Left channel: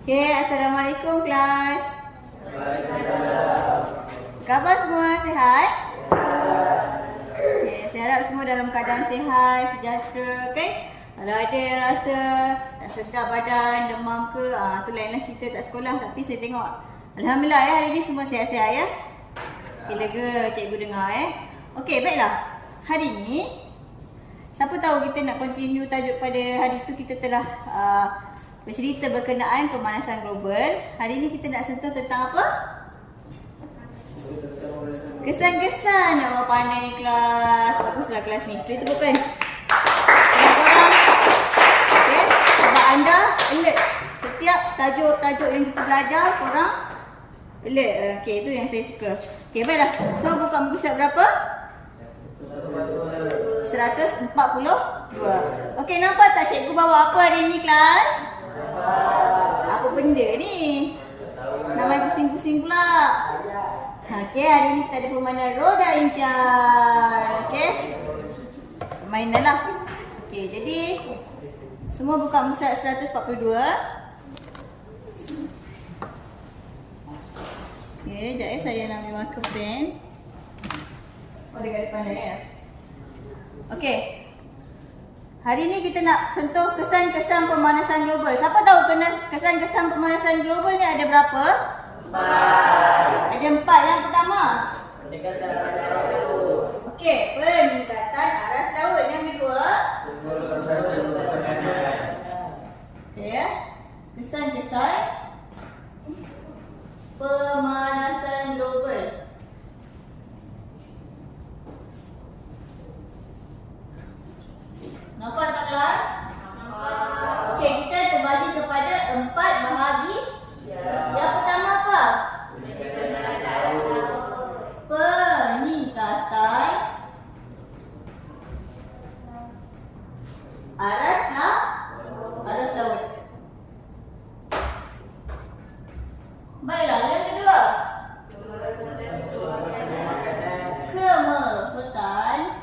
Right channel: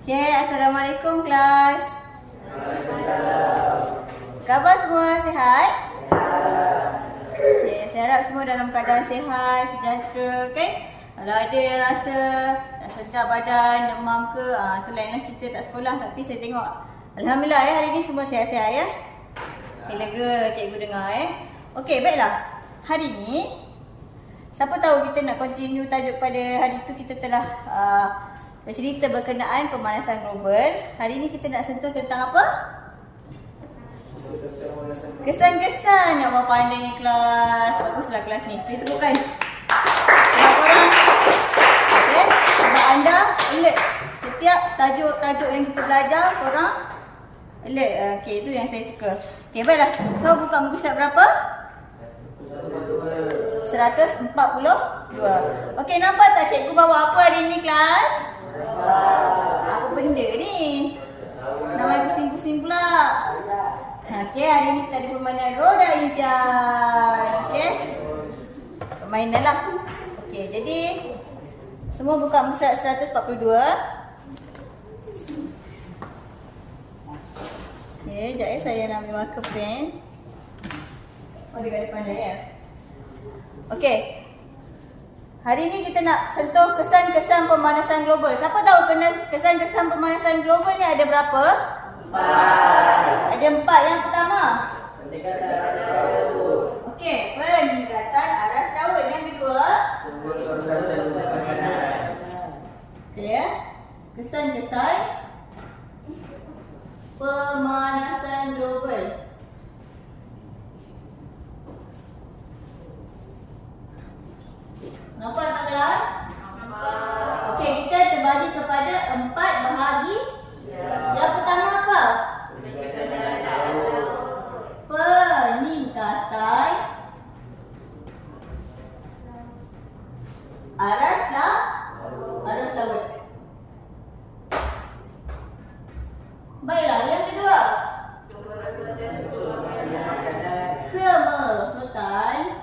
Okay, Assalamualaikum kelas. Waalaikumsalam. Khabar semua sihat? Okay, saya harap semua dalam keadaan sihat, sejahtera, kan? Kalau ada yang rasa tak sedap badan, demam ke, tu lainlah cerita tak sekolah. Tapi saya tengok, Alhamdulillah hari ni semua sihat-sihat ya. Okay, lega cikgu dengar Okay, baiklah. Hari ni, siapa tahu kita nak continue tajuk pada hari tu kita telah bercerita berkenaan pemanasan global. Hari ni kita nak sentuh tentang apa? Kesan-kesan. Yang awak pandai ni kelas. Baguslah kelas ni. Kita bukan. Kalau korang, okay, sebab anda alert. Setiap tajuk-tajuk yang kita belajar, korang alert. Okay, itu yang saya suka. Okay, baiklah. So, buka muka surat berapa? 142. Okay, nampak tak cikgu bawa apa hari ni kelas? Apa benda ni? Namanya pusing-pusing pula. Okay, hari ni kita ada permainan roda impian. Okay, permainan lah. Okay, jadi semua buka muka surat 142. Okay, sekejap saya nak ambil marker pen. Oh, dekat depan dia ya. Okay, hari ni kita nak sentuh kesan-kesan pemanasan global. Siapa tahu kesan-kesan pemanasan global ni ada berapa? 4. Ada 4. Yang pertama? Peningkatan aras laut. Okey, peningkatan aras laut. Yang kedua? Sumber kerusakan makanan. Okey ya. Kesan-kesan pemanasan global. Nampak tak kelas? Okey, kita terbagi kepada 4 bahagi. Yang pertama apa? Peningkatan aras laut. Peningkatan aras laut. Baiklah, yang kedua. Kemerosotan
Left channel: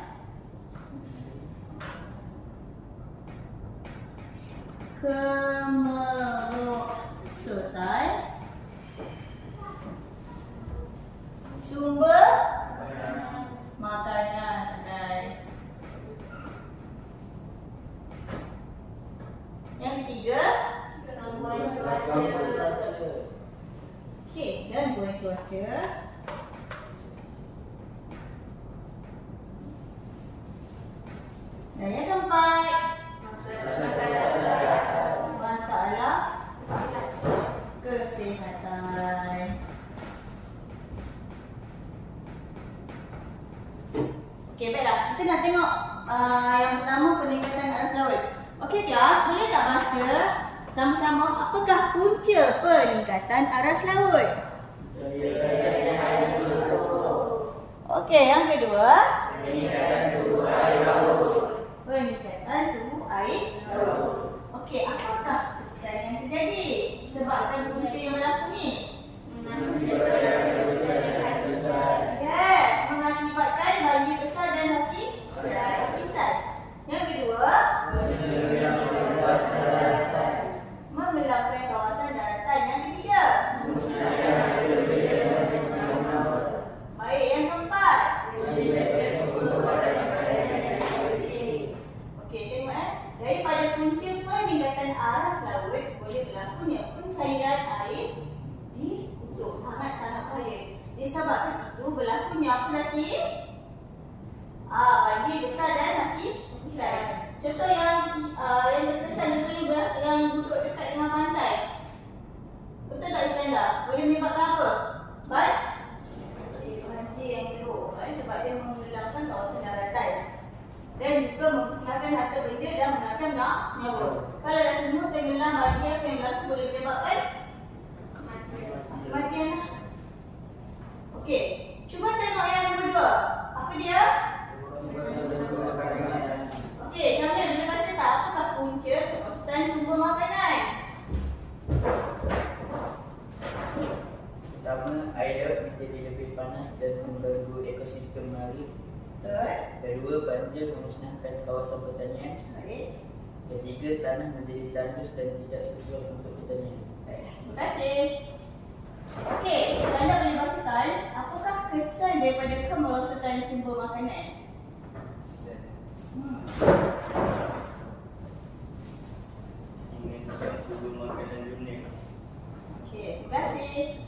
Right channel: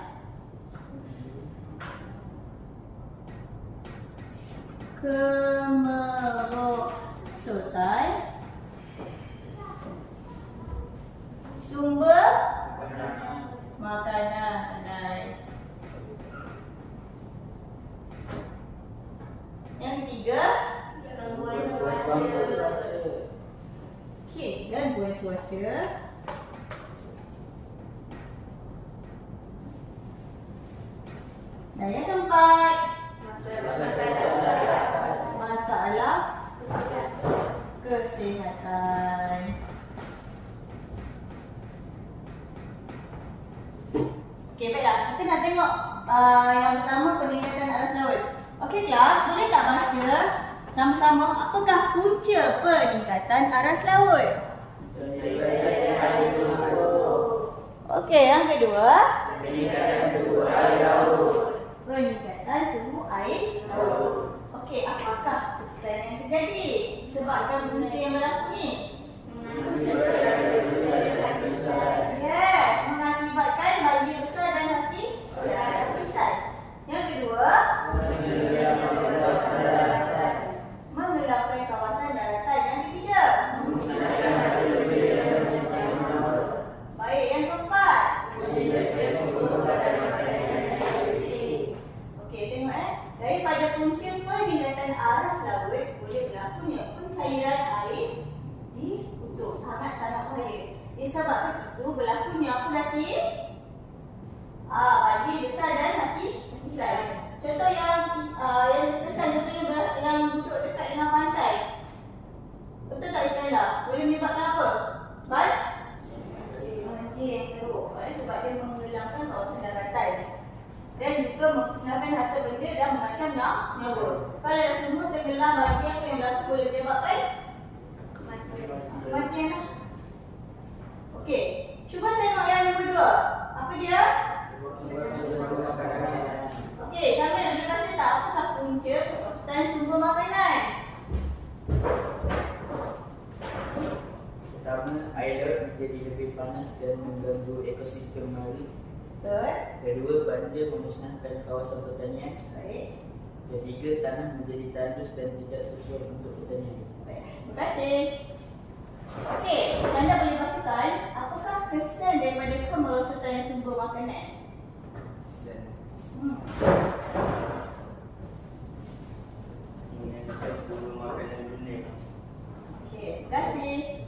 sumber makanan. Yang ketiga, okey, gangguan cuaca. Dan yang keempat, masalah kesihatan. Okey, baiklah. Kita nak tengok yang pertama, peningkatan aras laut. Okey kelas, boleh tak baca sama-sama apakah punca peningkatan aras laut? Okey, yang kedua, Peningkatan suhu air laut. peningkatan suhu air laut. Okey, apakah kesan yang terjadi disebabkan punca yang berlaku ni? Yes, mengakibatkan banjir besar dan hati besar. Yang kedua, menggelapkan kawasan daratan. Yang ketiga, baik. Yang keempat, okey, tengok daripada punca peningkatan aras laut boleh berlakunya pencairan ais di kutub. Sangat-sangat bahaya. Disebabkan itu berlakunya apa lagi? Banjir besar dan hati besar. Contoh yang besar, contohnya yang duduk dekat dengan pantai. Betul tak Iskandar? Boleh menyebabkan apa? Banjir yang teruk. Sebab dia menggelapkan kawasan daratan dan juga memusnahkan harta benda dan mengancam nyawa. Kalau dah semua tenggelam, banjir apa yang berlaku boleh menyebabkan kematian. Okey, cuba tengok yang kedua. Apa dia? Okey, Syamil, boleh baca tak apakah punca kerosakan sumber makanan? Pertama, air laut menjadi lebih panas dan mengganggu ekosistem mari. Betul. Kedua, banjir memusnahkan kawasan pertanian. Baik. Ketiga, tanah menjadi tandus dan tidak sesuai untuk pertanian. Baik. Terima kasih. Okey, anda boleh bacakan apakah kesan daripada kemerosotan sumber makanan? Mengancam sumber makanan dunia. Okey, terima kasih.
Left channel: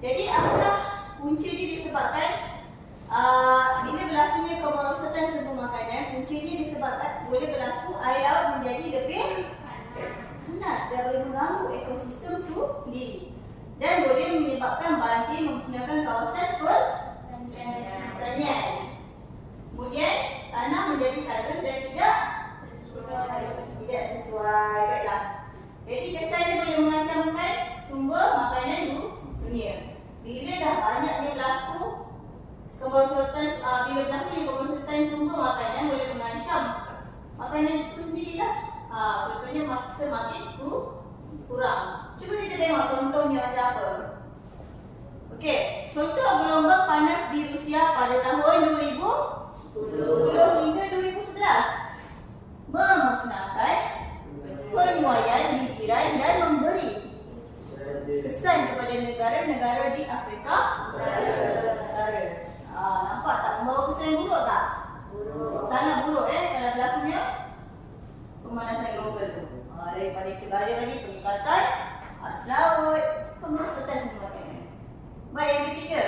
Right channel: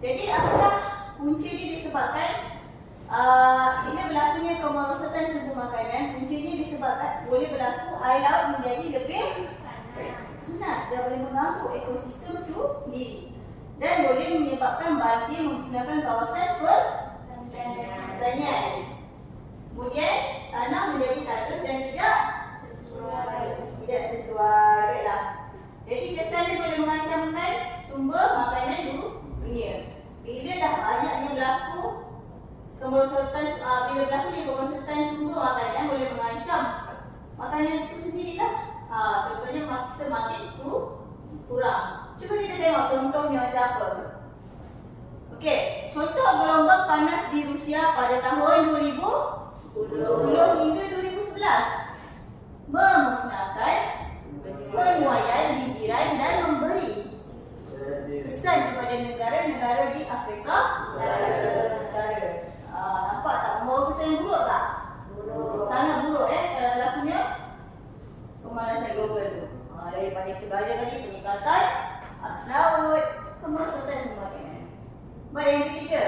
Jadi apakah punca ini disebabkan bila berlakunya kemerosotan sumber makanan, punca ini disebabkan boleh berlaku air laut menjadi lebih panas dan boleh mengganggu ekosistem itu sendiri dan boleh menyebabkan banjir memusnahkan kawasan pertanian. Kemudian tanah menjadi kacau dan tidak sesuai. Baiklah. Jadi kesan ini boleh mengancamkan sumber makanan dunia. Bila dah banyaknya berlaku kemerosotan, bila berlakunya kemerosotan sumber makanan boleh mengancam makanan itu sendirilah. Contohnya semakin kurang. Cuba kita tengok contohnya macam apa. Okey, contoh gelombang panas di Rusia pada tahun 2010 hingga 2011 memusnahkan penuaian bijiran dan memberi kesan kepada negara-negara di Afrika Utara. Nampak tak membawa kesan yang buruk tak? Sangat buruk kalau berlakunya pemanasan global tu. Daripada segala tadi peningkatan arus laut, kemerosotan sumber makanan. Baik, yang ketiga.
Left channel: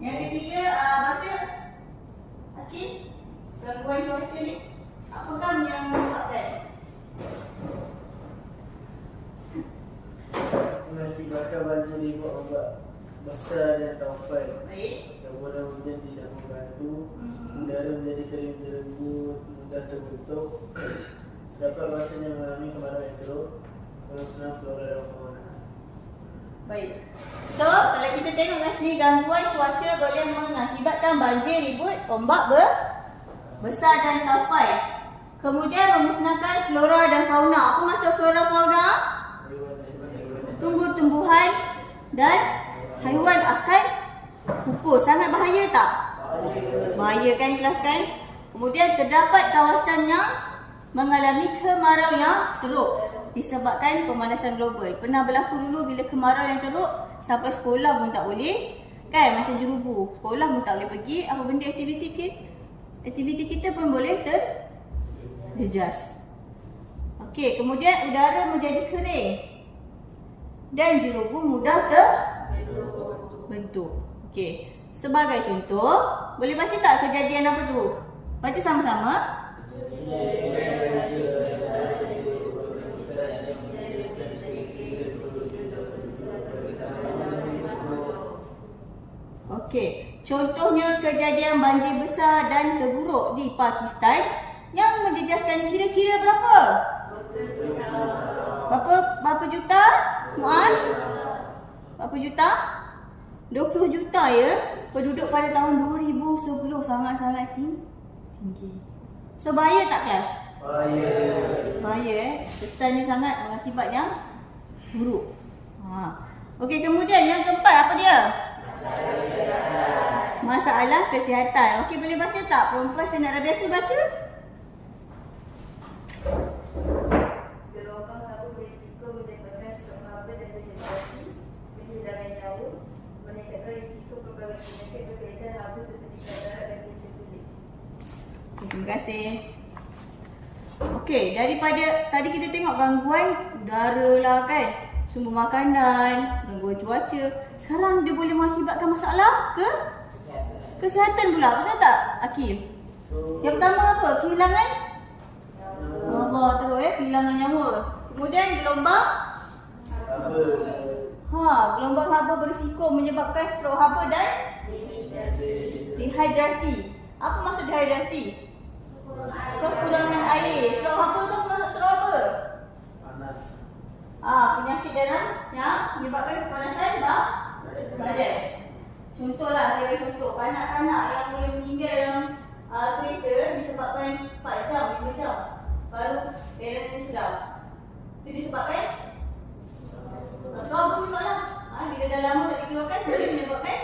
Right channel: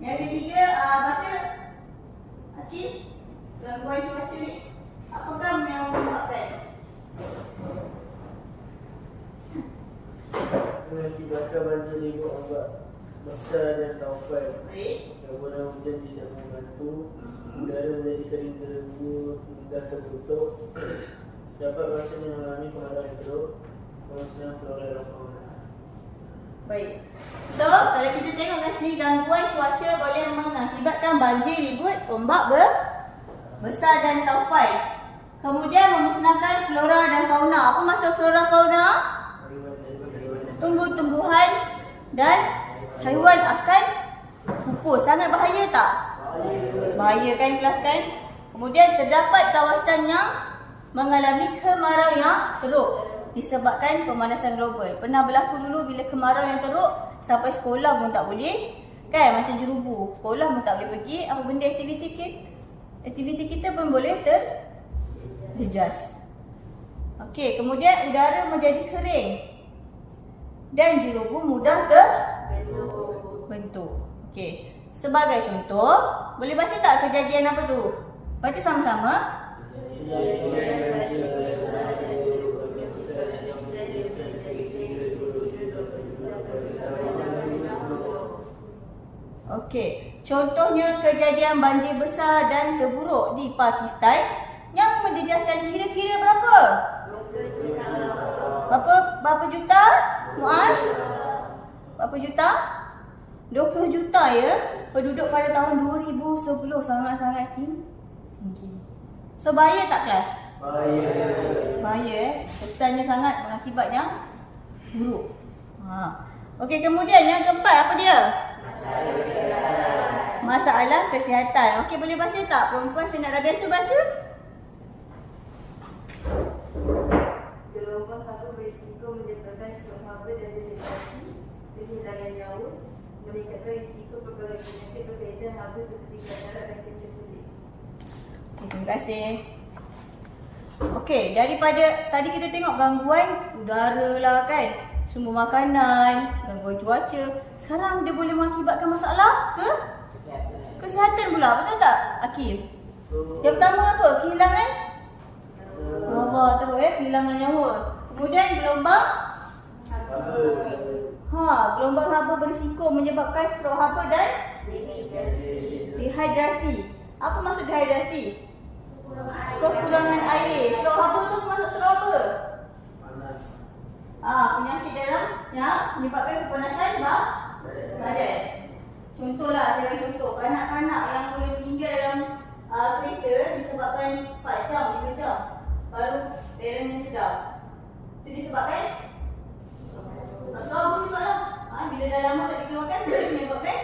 Yang ketiga, baca Hakim, gangguan cuaca ni apakah yang menyebabkan? Mengakibatkan banjir di ombak besar dan taufan. Baik. Kemudian hujan tidak membantu, udara menjadi kering terenggut, mudah terbentuk, dapat rasanya mengalami kemarahan teruk, kemusnahan flora dan fauna. Baik. So, kalau kita tengok kat sini, gangguan cuaca boleh mengakibatkan banjir, ribut, ombak besar dan taufan. Kemudian memusnahkan flora dan fauna. Apa maksud flora fauna? Tumbuh-tumbuhan dan haiwan akan pupus. Sangat bahaya tak? Bahaya kan kelas kan? Kemudian terdapat kawasan yang mengalami kemarau yang teruk disebabkan pemanasan global. Pernah berlaku dulu bila kemarau yang teruk sampai sekolah pun tak boleh. Kan macam jerubu. Sekolah pun tak boleh pergi. Apa benda aktiviti kita pun boleh terjejas. Okey, kemudian udara menjadi kering dan jerubu mudah terbentuk. Okey, sebagai contoh, boleh baca tak kejadian apa tu? Baca sama-sama. Okey, contohnya kejadian banjir besar dan terburuk di Pakistan yang menjejaskan kira-kira berapa? Berapa juta? Muaz? Berapa juta? 20 juta ya penduduk pada tahun 2010. Sangat-sangat tinggi. So bahaya tak kelas? Bahaya. Kesannya sangat mengakibat yang buruk. Okey, kemudian yang keempat apa dia? Masalah kesihatan. Okey, boleh baca tak? Perempuan Senak Rabiah tu baca. Gelombang haba berisiko menyebabkan strok haba dan dehidrasi, kehilangan nyawa, meningkatkan risiko pelbagai penyakit berkaitan haba seperti katarak dan kanser kulit. Terima kasih. Okey, daripada tadi kita tengok gangguan udara lah kan, sumber makanan, gangguan cuaca. Sekarang dia boleh mengakibatkan masalah kesihatan pula. Betul tak, Akil? Yang pertama apa? Kehilangan teruk kehilangan nyawa. Kemudian gelombang gelombang haba berisiko menyebabkan strok haba dan dehidrasi. Apa maksud dehidrasi? Kekurangan air. Strok haba tu maksud strok apa? Panas. Penyakit dalam yang menyebabkan kepanasan badan. Contohlah, saya bagi contoh. Kanak-kanak yang boleh tinggal dalam kereta disebabkan 4 jam, 5 jam baru parentnya sedar. Itu disebabkan strok juga lah. Bila dah lama tak dikeluarkan, boleh menyebabkan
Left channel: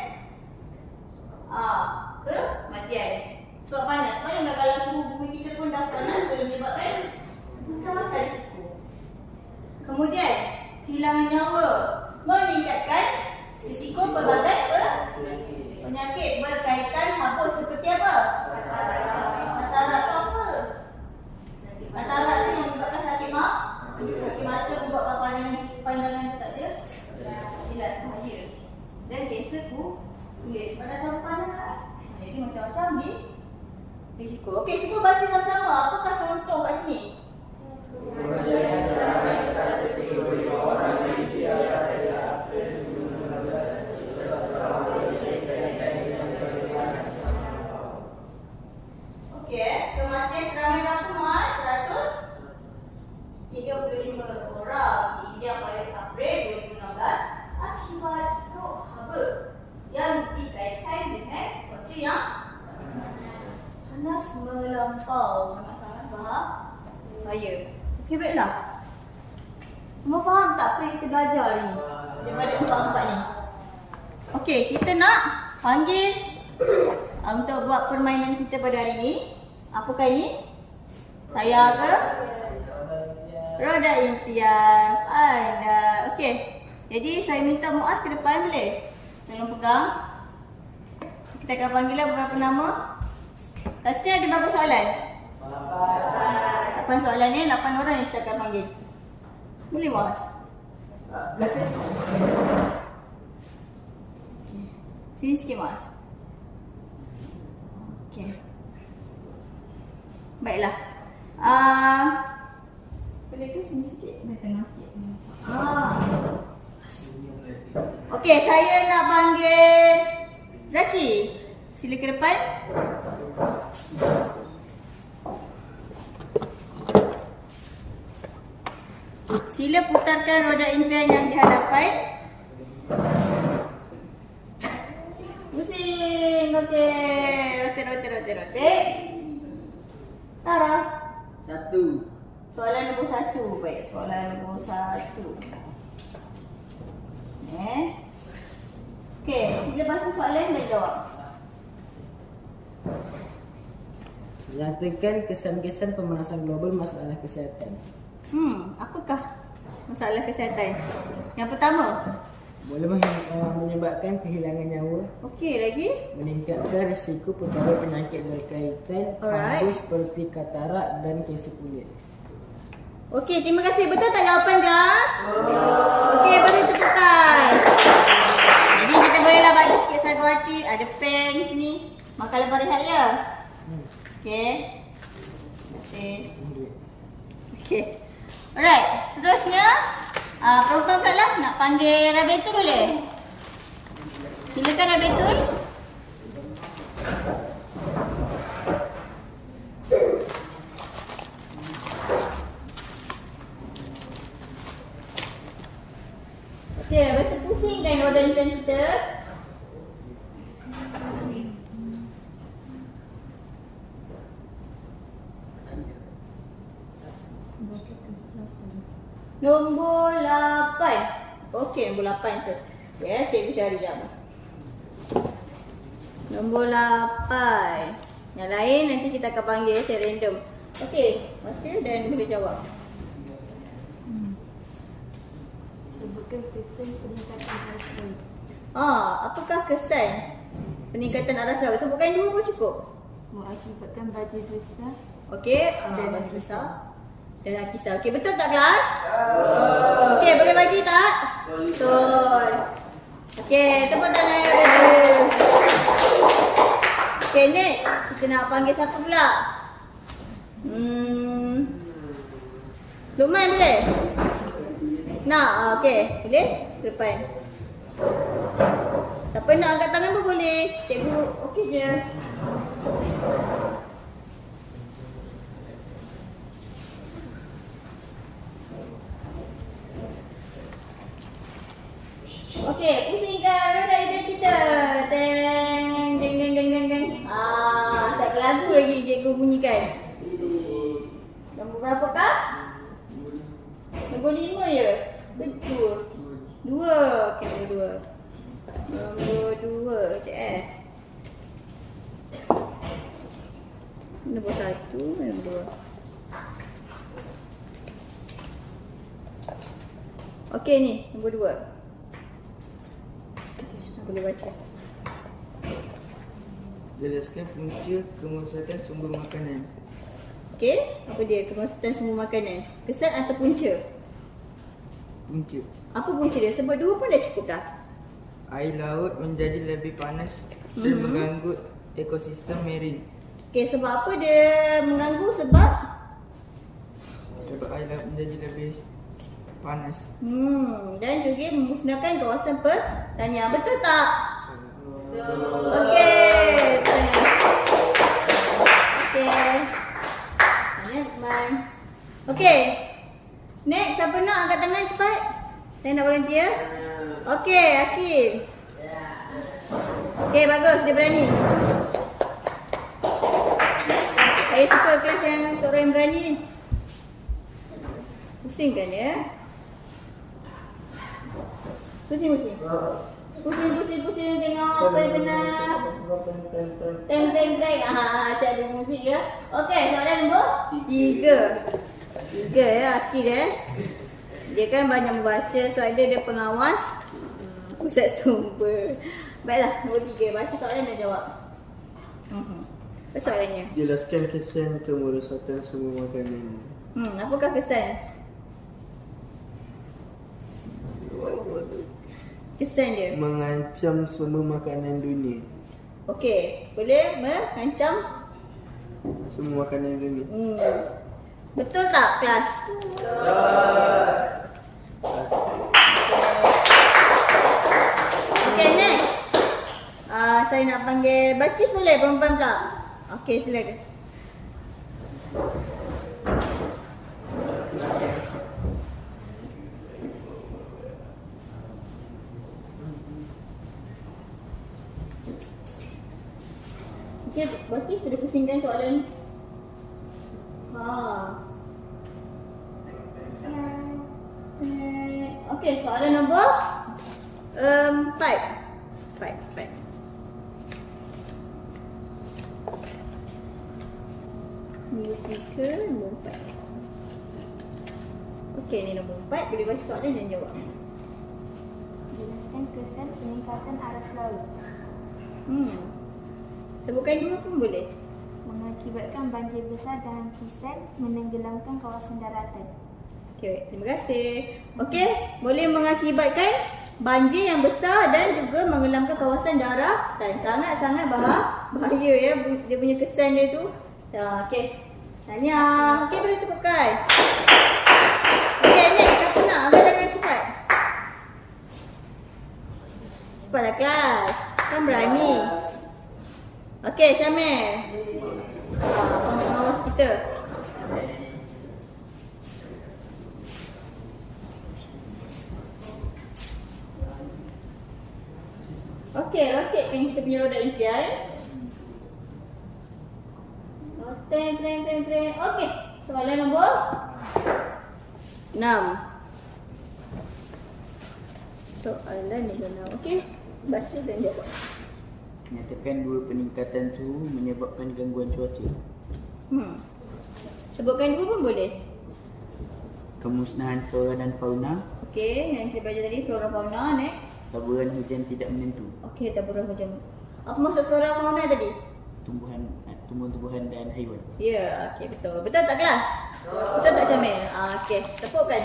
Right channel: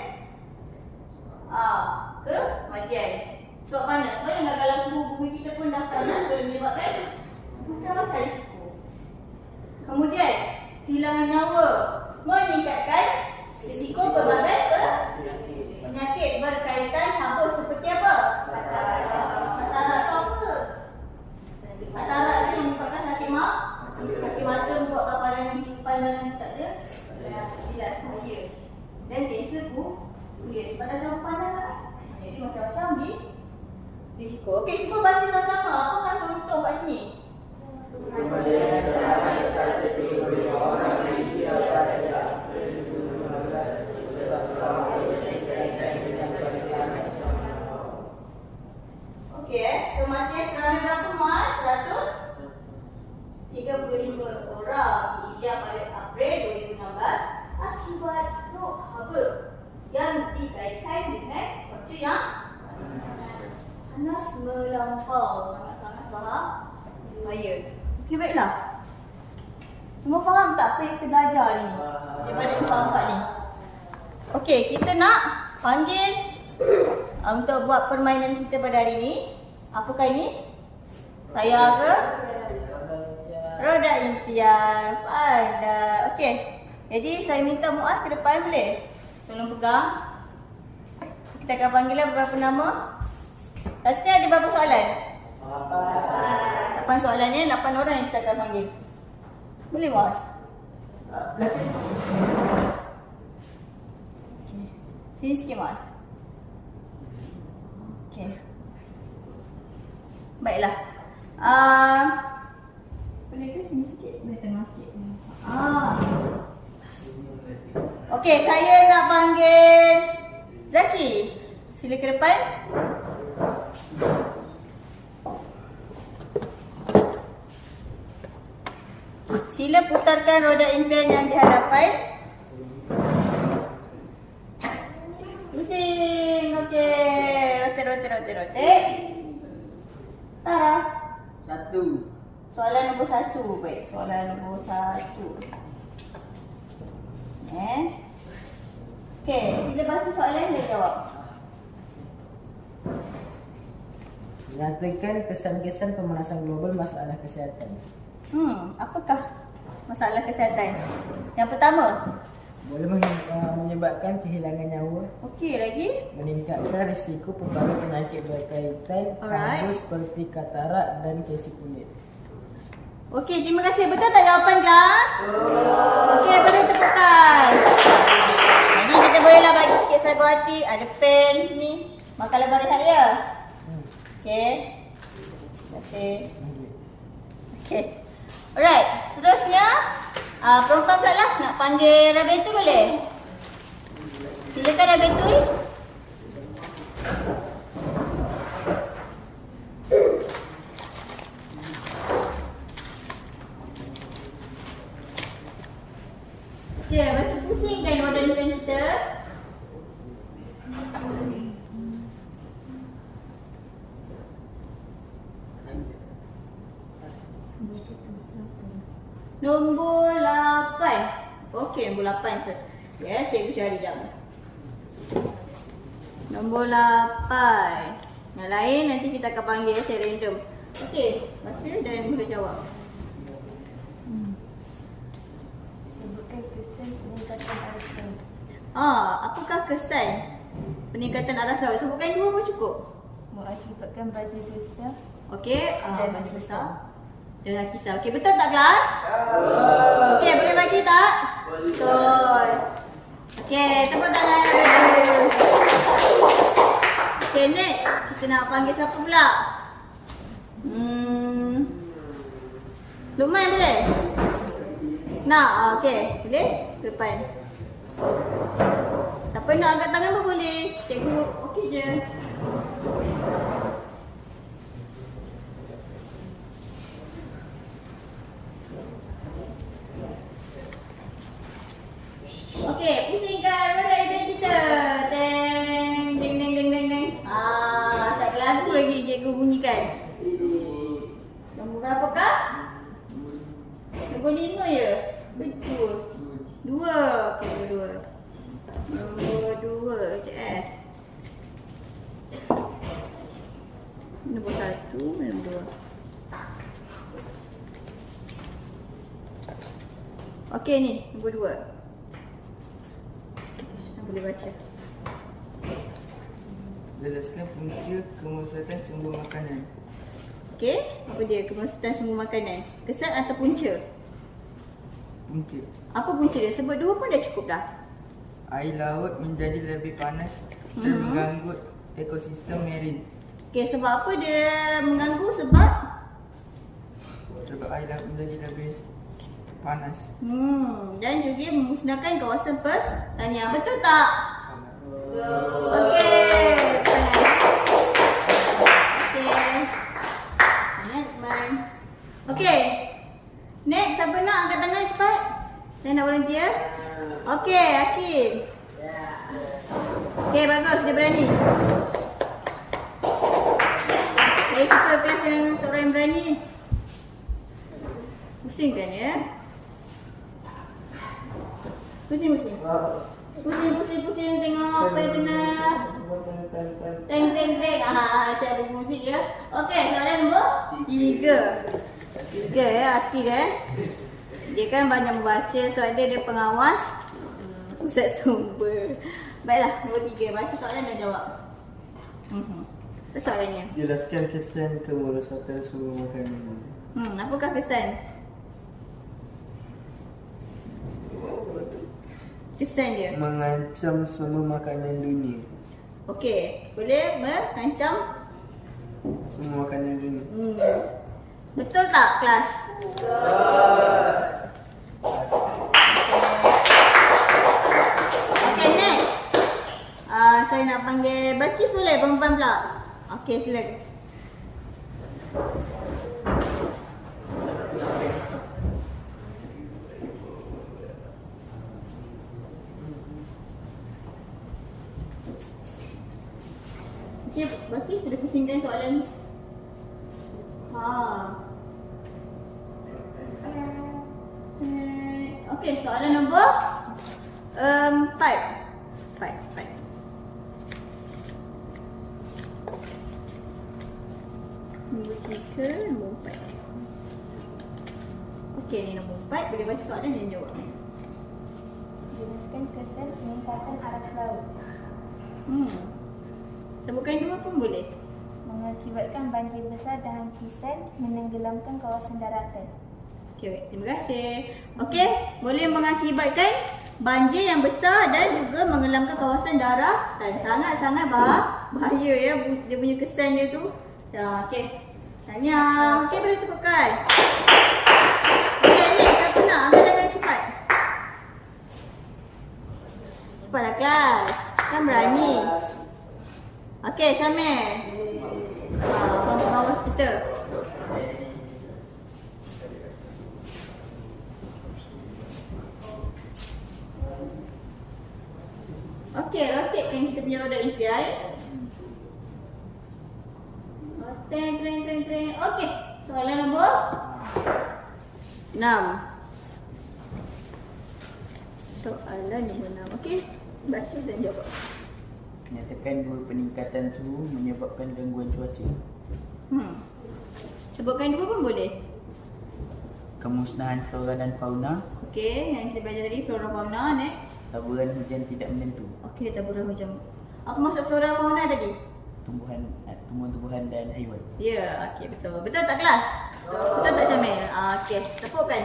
kematian. Sebab panas. Sebab yang dalam tubuh bumi kita pun dah panas, boleh menyebabkan macam-macam risiko. Kemudian kehilangan nyawa, meningkatkan risiko pelbagai penyakit berkaitan haba seperti apa? Katarak tu apa? Katarak tu yang menyebabkan sakit mata, membuatkan pandangan tak ada. Tidak bahaya. Dan kanser kulit pada dalam pandangan. Jadi macam-macam di risiko. Okey, cuba baca sama-sama. Apakah contoh kat sini? Okey, kematian seramai berapa Mas? 135 orang hingga pada April 2016 akibat strok haba yang dikaitkan dengan cuaca yang panas melampau. Sangat-sangat bahaya. Okey, baiklah. Semua faham tak apa yang kita belajar ni daripada empat-empat ni? Okey, kita nak panggil untuk buat permainan kita pada hari ni. Apakah ini? Saya ke? Roda impian. Pandai. Okey. Jadi saya minta Muaz ke depan boleh? Tolong pegang. Kita akan panggil beberapa nama. Kat sini ada berapa soalan? 8 soalan ni, 8 orang yang kita akan panggil. Boleh Muaz? Belakang. Okey. Sini sikit Muaz. Okey. Baiklah. Boleh ke sini sikit? Boleh tengah sikit. Okey, saya nak panggil Zaki. Sila ke depan. Sila putarkan roda impian yang di hadapan. Pusing. Okey. Rotate. Tara. 1. Soalan nombor 1. Baik, soalan nombor 1. Okey, sila baca soalan dan jawab. Nyatakan kesan-kesan pemanasan global masalah kesihatan. Apakah masalah kesihatan? Yang pertama, Boleh menyebabkan kehilangan nyawa, okey lagi. meningkatkan risiko pelbagai penyakit berkaitan Alright. haba seperti katarak dan kanser kulit. Okey, terima kasih. Betul tak jawapan kelas? Okey, beri tepukan. Jadi kita bolehlah bagi sikit sagu hati. Ada pen sini. Makan lebar rehat ya. Okey. Terima kasih. Okey. Alright, seterusnya perempuan pula lah nak panggil Rabiatul boleh? Silakan Rabiatul. Okey, Rabiatul pusingkan roda impian kita. Nombor 8. Okey, nombor 8. Ya, cikgu cari jap. Nombor 8. Yang lain nanti kita akan panggil secara random. Okey, baca dan boleh jawab. Sebutkan kesan peningkatan arus laut. Apakah kesan peningkatan arus laut? Sebutkan 2 pun cukup. Mengakibatkan badai besar Okey, dan bagi besar. Dan kisah. Okey, betul tak kelas? Okey, boleh bagi tak? Betul. Okey, tepuk tangan dulu. Okey, next. Kita nak panggil siapa pula? Lukman boleh? Nak? Okey, boleh? Ke depan. Siapa nak angkat tangan pun boleh. Cikgu okey je. Okey, pusingkan roda impian kita. Deng, deng, deng, deng, deng, deng. Satu lagu lagi cikgu bunyikan. Nombor berapa kah? Nombor 5 ya? Betul. 2. Okey, nombor 2. Nombor 2. Sekejap Nombor 1, nombor 2. Okey ni, nombor 2. Okay, boleh baca. Jelaskan punca kemusnahatan sumber makanan. Okey, apa dia kemusnahatan sumber makanan? Kesan atau punca? Punca. Apa punca dia? Sebut 2 pun dah cukup dah. Air laut menjadi lebih panas dan mengganggu ekosistem marine. Okey, sebab apa dia mengganggu? Sebab Sebab air laut menjadi lebih panas. dan juga memusnahkan kawasan pertanian. Betul tak? Okey. Okey. Tanya Lukman. Okey. Next, siapa nak angkat tangan cepat? Saya nak volunteer. Okey, Akil. Okey, bagus. Dia berani. Saya suka kelas yang untuk orang yang berani ni. Pusing kan ya? Pusing. Pusing. Tengok apa yang kena. Teng. Asyik ada muzik ya. Okey, soalan nombor 3. 3 ya, Akil ya. Dia kan banyak membaca sebab dia pengawas pusat sumber. Baiklah, nombor 3. Baca soalan dan jawab. Apa soalannya? Jelaskan kesan kemerosakan sumber makanan. Apakah kesan? Kesan dia. Mengancam semua makanan dunia. Okey, boleh mengancam Semua makanan dunia. betul tak kelas? Okey, next. Saya nak panggil Balkis boleh? Perempuan pula. Okey, silakan. Okey, Balkis boleh pusingkan soalan ni. Okey, soalan nombor 5. Nombor 3, nombor 4. Okey, ni nombor 4. Boleh baca soalan dan jawab. Jelaskan kesan peningkatan aras laut. Sebutkan 2 pun boleh. Mengakibatkan banjir besar dan hempisan menenggelamkan kawasan daratan. Okey, terima kasih. Okey, boleh mengakibatkan banjir yang besar dan juga menggelamkan kawasan daratan. Sangat-sangat bahaya ya dia punya kesan dia tu. Okey. Tanya. Okey, boleh tepukkan. Okey, next. Siapa nak angkat tangan cepat? Cepatlah kelas. Kan berani. Okey, Syamil. Pengawas kita. Okey, roketkan kita punya roda impian. Teng. Okey, soalan nombor 6. Soalan nombor 6. Okey, baca dan jawab. Nyatakan 2 peningkatan suhu menyebabkan gangguan cuaca. Sebutkan 2 pun boleh. Kemusnahan flora dan fauna. Okey, yang kita belajar tadi flora fauna. Next. Taburan hujan tidak menentu. Okey, taburan hujan. Apa maksud flora fauna tadi? Tumbuhan-tumbuhan dan haiwan. Ya, okey, betul. Betul tak kelas? Betul tak Syamil? Okey, tepukkan.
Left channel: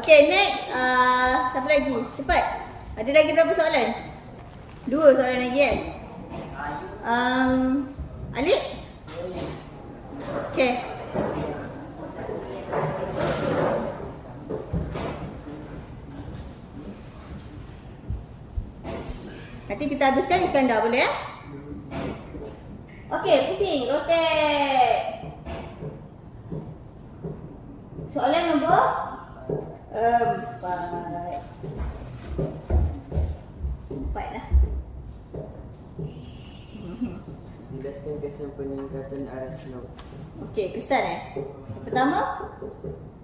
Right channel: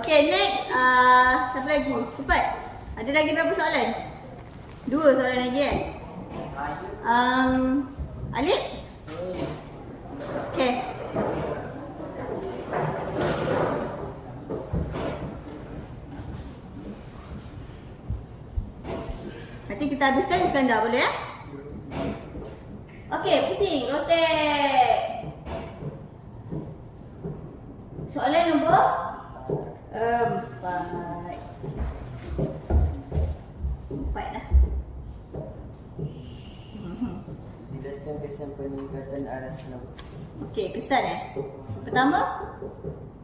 Okey, next. Siapa lagi? Cepat. Ada lagi berapa soalan? 2 soalan lagi kan? Alif? Okey. Nanti kita habiskan Iskandar, boleh ya? Okey, pusing, rotate. Soalan nombor 4. 4 dah. Jelaskan kesan peningkatan aras laut. Okey, kesan Pertama?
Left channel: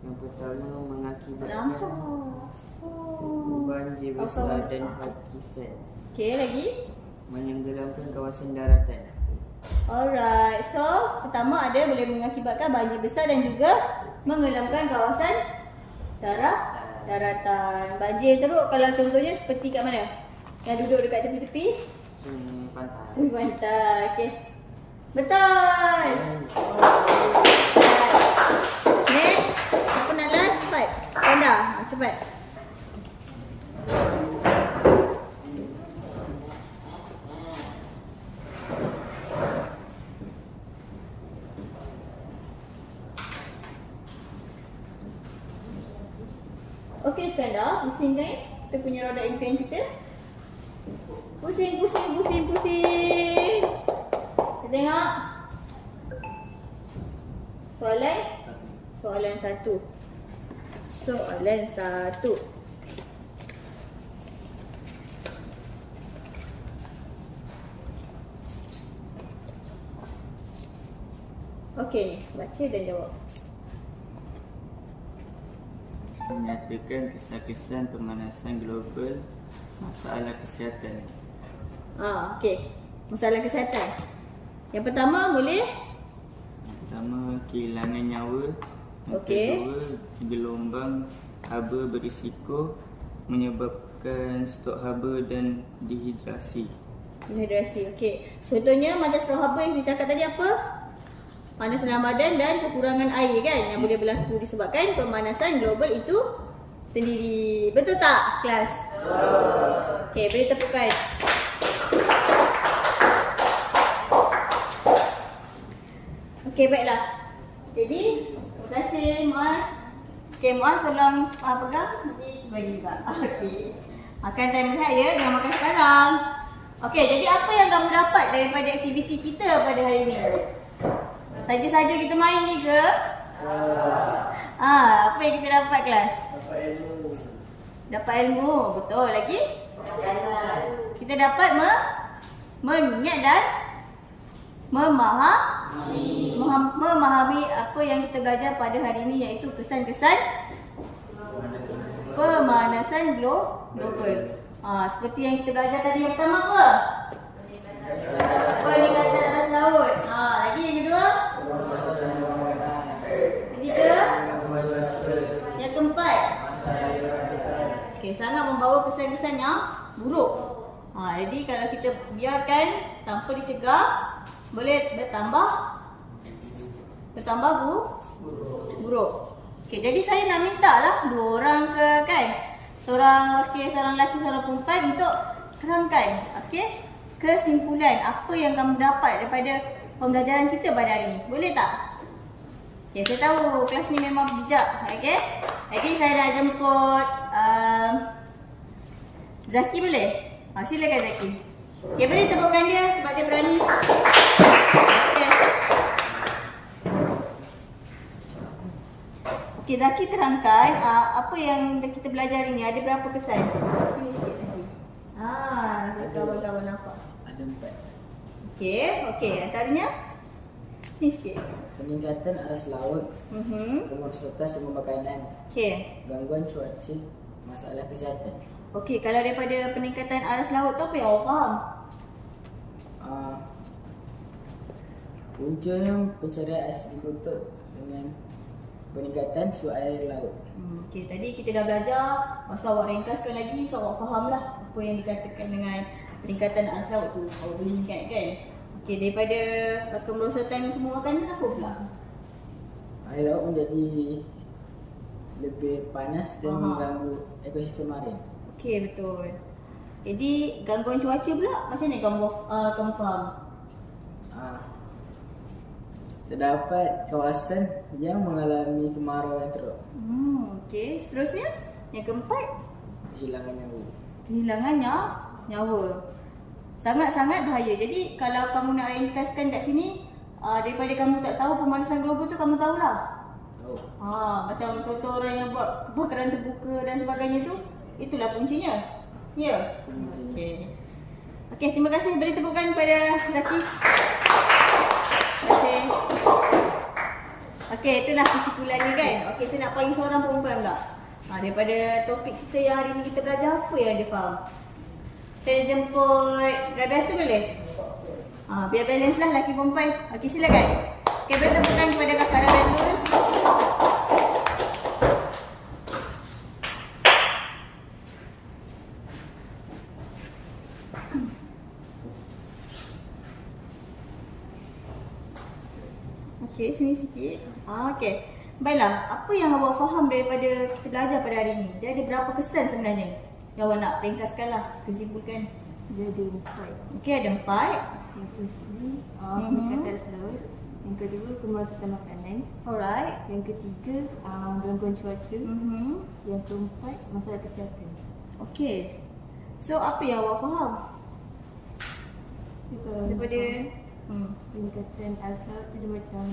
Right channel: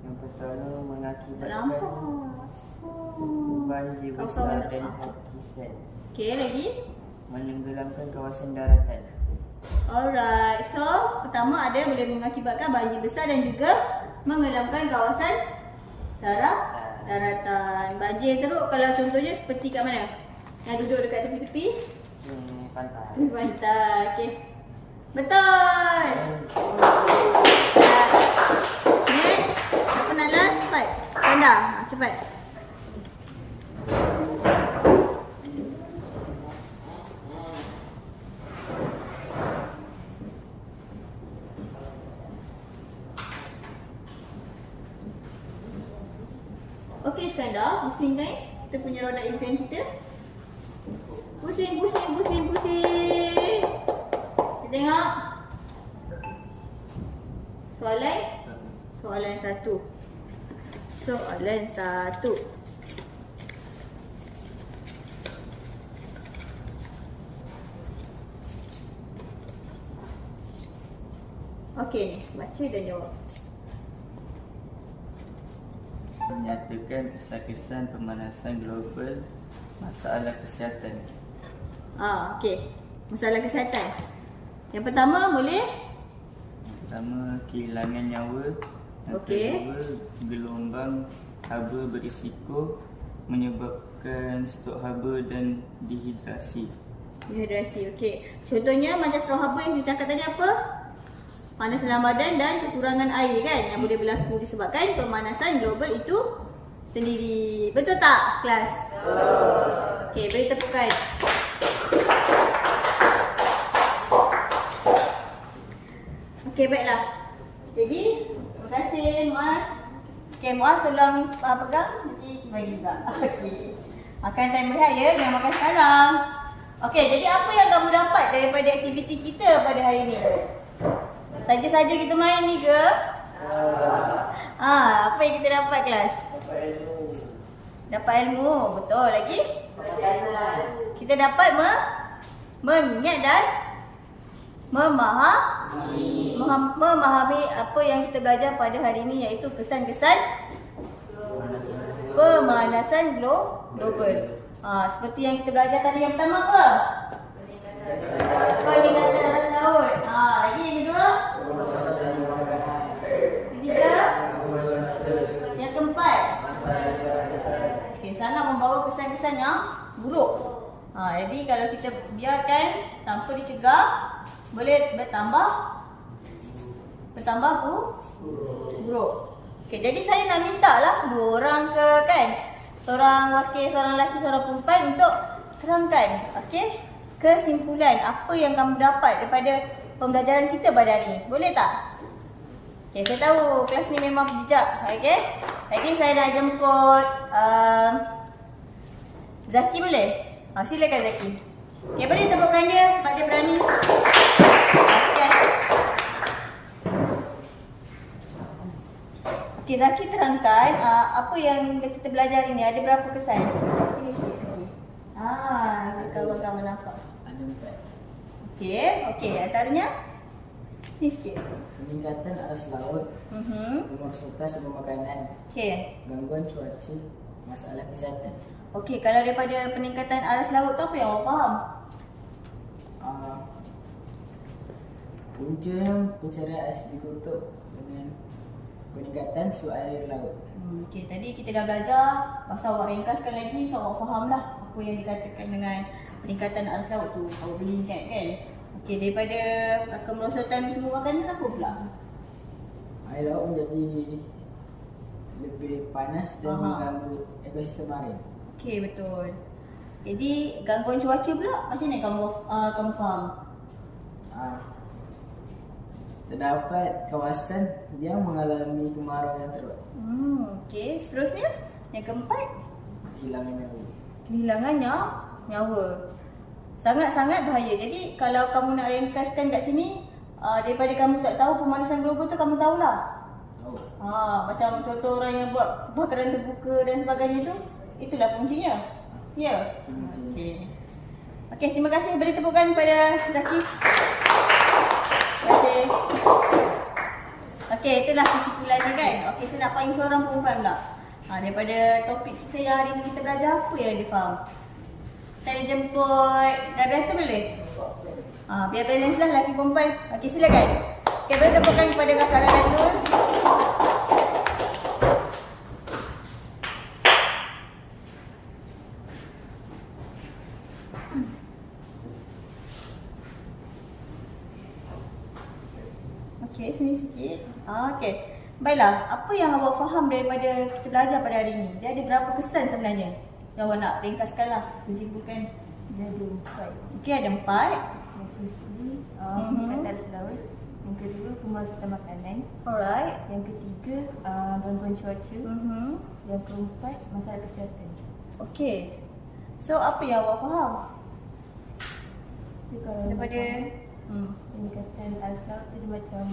Yang pertama mengakibatkan Nampak. banjir besar dan hempisan. Okey, lagi? Menenggelamkan kawasan daratan. Alright, so pertama ada boleh mengakibatkan banjir besar dan juga menggelamkan kawasan daratan. Banjir teruk kalau contohnya seperti kat mana? Yang duduk dekat tepi-tepi? Pantai. Tepi pantai, okey. Betul! Next, siapa nak last? Cepat. Kenda, cepat. Okey Iskandar, pusing kan? Kita punya roda impian kita. Pusing. Kita tengok. Soalan satu. Okey ni, baca dan jawab. Menyatakan kesan-kesan pemanasan global masalah kesihatan. Okey. Masalah kesihatan. Yang pertama boleh? Yang pertama, kehilangan nyawa. Yang Okey. kedua, gelombang haba berisiko menyebabkan stok haba dan dehidrasi. Dehidrasi, okey. Contohnya macam stok haba yang saya cakap tadi apa? Panas dalam badan dan kekurangan air kan yang boleh berlaku disebabkan pemanasan global itu sendiri. Betul tak kelas? Okey, beri tepukan. Okey, baiklah. Jadi, terima kasih Muaz. Okey, Muaz tolong pegang. Jadi, bagi juga. Okey. Makan time rehat ya, jangan makan sekarang. Okey, jadi apa yang kamu dapat daripada aktiviti kita pada hari ini? Saja-saja kita main ni ke? Apa yang kita dapat kelas? Dapat ilmu. Betul lagi? Kita dapat mengingat dan memahami apa yang kita belajar pada hari ini, iaitu kesan-kesan pemanasan global. Seperti yang kita belajar tadi, yang pertama apa? Peningkatan aras laut. Lagi yang kedua? Ketiga? Yang keempat? Okey, sangat membawa kesan-kesan yang buruk. Jadi kalau kita biarkan tanpa dicegah, boleh bertambah buruk. Okey, jadi saya nak minta lah 2 orang ke kan? Seorang lelaki, seorang perempuan untuk terangkan, okey, kesimpulan apa yang kamu dapat daripada pembelajaran kita pada hari ini. Boleh tak? Okay, saya tahu kelas ni memang bijak. Okay? Jadi saya nak jemput Zaki, boleh? Silakan Zaki. Okay, boleh tepukkan dia sebab dia berani. Okay. Okay, Zaki terangkan apa yang kita belajar hari ni. Ada berapa kesan? Ini sikit lagi. Kawan-kawan nampak. Ada 4. Okey, antaranya sini sikit. Peningkatan aras laut, kemerosotan sumber makanan, Okey. gangguan cuaca, masalah kesihatan. Okey, kalau daripada peningkatan aras laut tu apa yang awak faham? Puncanya pencarian ais ditutup dengan peningkatan suhu air laut. Okey, tadi kita dah belajar. Masa awak ringkaskan lagi, so awak faham lah apa yang dikatakan dengan peningkatan aras laut tu. Awak boleh ingat kan? Okey, daripada kemerosotan semua makanan apa pula? Air laut menjadi lebih panas dan mengganggu ekosistem marin. Okey, betul. Jadi gangguan cuaca pula macam mana kamu faham? Terdapat kawasan yang mengalami kemarau yang teruk. Okey, seterusnya yang keempat, Kehilangan nyawa. kehilangannya nyawa. Sangat-sangat bahaya. Jadi kalau kamu nak ringkaskan kat sini, daripada kamu tak tahu pemanasan global tu, kamu tahulah. Tahu. Macam contoh orang yang buat kebakaran terbuka dan sebagainya tu, itulah kuncinya. Ya? Okey. Okey, terima kasih. Beri tepukan kepada Zaki. Okey. Okey, itulah kesimpulannya kan. Okey, saya nak panggil seorang perempuan pula. Daripada topik kita yang hari ni kita belajar, apa yang dia faham? Saya jemput Radha tu boleh? Biar balance lah lelaki perempuan. Okey, silakan. Okey, beri tepukan kepada kakak Rabatul. Okey, sini sikit. Okey. Baiklah, apa yang awak faham daripada kita belajar pada hari ini? Dia ada berapa kesan sebenarnya? Yang awak nak ringkaskan lah, kesimpulan. Dia ada 4. Okey, ada 4. Yang firstly, peningkatan laut. Yang kedua, kemasan makanan. Alright. Yang ketiga, gangguan cuaca. Yang keempat, masalah kesihatan. Okey. So, apa yang awak faham Jadi, kalau daripada peningkatan air laut tu dia macam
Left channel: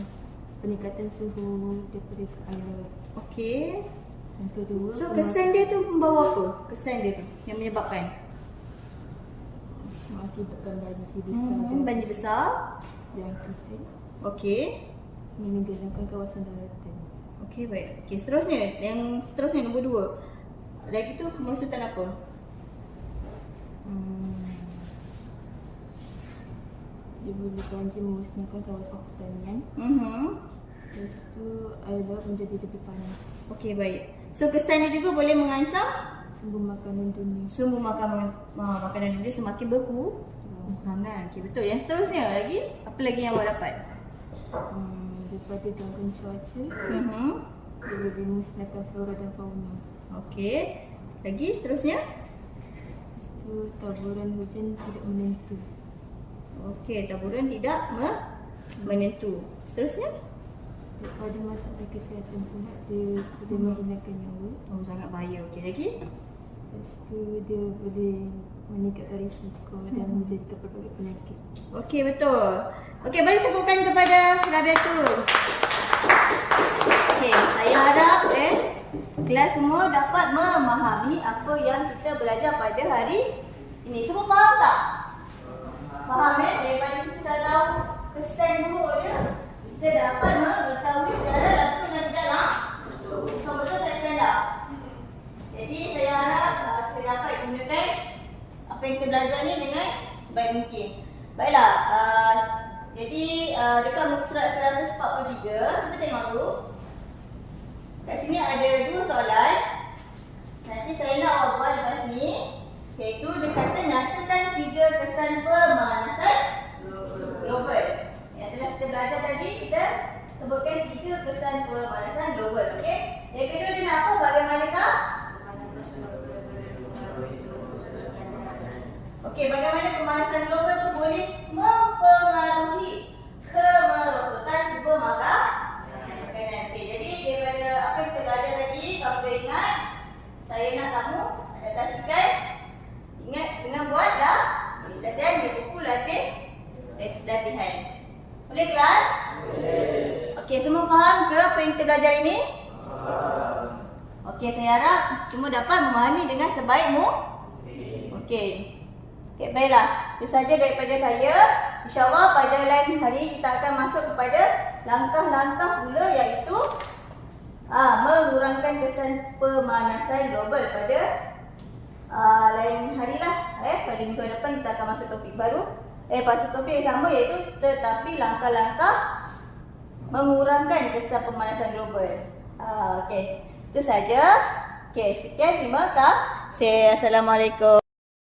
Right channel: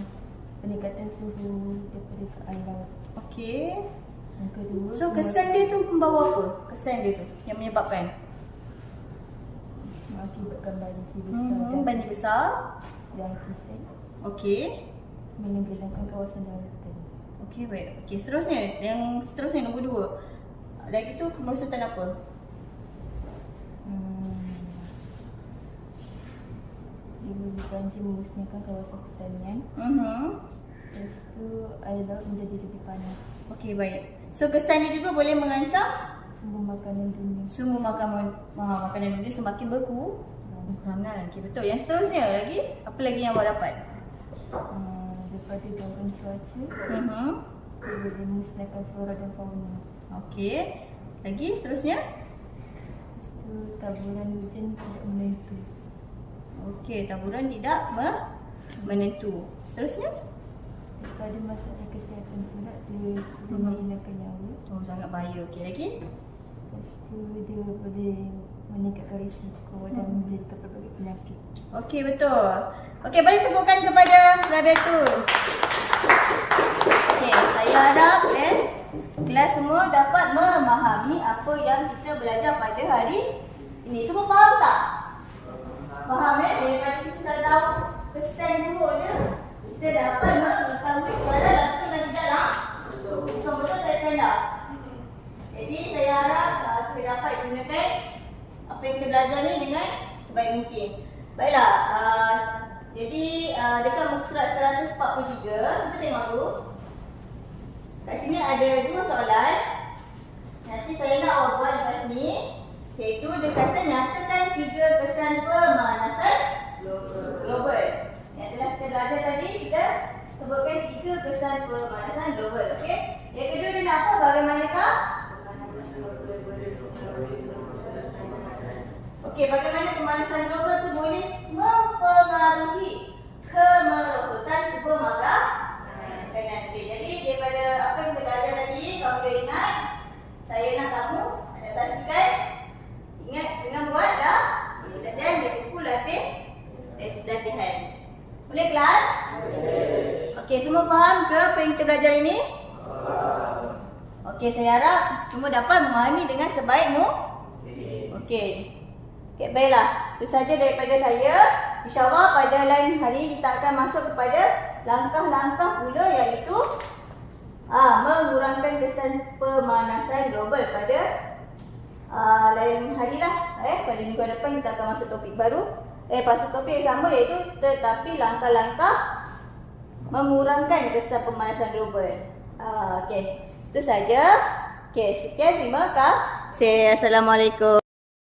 peningkatan suhu daripada ke air laut. Okey. Yang kedua, So, kesan dia tu membawa apa? Kesan dia tu yang menyebabkan mengakibatkan banjir besar banjir besar. dan kisah Okey. menenggelamkan kawasan daratan. Okey, baik. Okey, seterusnya. Yang seterusnya nombor 2. Lagi tu kemerosotan apa? Dia boleh banjir memusnahkan kawasan pertanian. Lepas tu air laut menjadi lebih panas. Okey, baik. So, kesannya juga boleh mengancam Sumber makanan dunia. sumber makanan dunia semakin berkurangan. Okey, betul. Yang seterusnya lagi, apa lagi yang awak dapat? Daripada gangguan cuaca, dia boleh memusnahkan flora dan fauna. Okey. Lagi seterusnya? Lepas tu taburan hujan tidak menentu. Okey, taburan tidak menentu. Seterusnya? Daripada masalah kesihatan pula, dia boleh menghilangkan nyawa. Oh, sangat bahaya. Okey, lagi? Lepas tu dia boleh meningkatkan risiko dan menjadikan pelbagai penyakit. Okey, betul. Okey, beri tepukan kepada Rabatul. Okey, saya harap kelas semua dapat memahami apa yang kita belajar pada hari ini. Semua faham tak? Faham daripada kita tahu kesan buruk dia, kita dapat mengetahui secara langsung dan dalam betul-betul dari standar. Jadi saya harap kita dapat gunakan apa yang kita belajar ni dengan sebaik mungkin. Baiklah, jadi dekat muka surat 143, kita tengok dulu. Kat sini ada 2 soalan. Nanti saya nak awak buat lepas sini. Iaitu dia kata nyatakan 3 kesan pemanasan global. Yang telah kita belajar tadi, kita sebutkan 3 kesan pemanasan global. Okey. Yang kedua dia nak apa? Bagaimanakah? Okey, bagaimana pemanasan global tu boleh mempengaruhi kemerosotan sumber makanan. Okey, jadi daripada apa yang kita belajar tadi, kalau boleh ingat, saya nak kamu adaptasikan. Ingat dengan buatlah latihan di buku latihan. Boleh kelas? Okey, semua faham ke apa yang kita belajar ini? Okey, saya harap semua dapat memahami dengan sebaik mungkin. Okey, baiklah. Itu saja daripada saya. InsyaAllah pada lain hari kita akan masuk kepada langkah-langkah pula, iaitu mengurangkan kesan pemanasan global pada lain hari lah. Pada minggu depan kita akan masuk topik baru. Pasal topik yang sama, iaitu tetapi langkah-langkah mengurangkan kesan pemanasan global. Okey, itu saja. Okey, sekian, terima kasih. Assalamualaikum.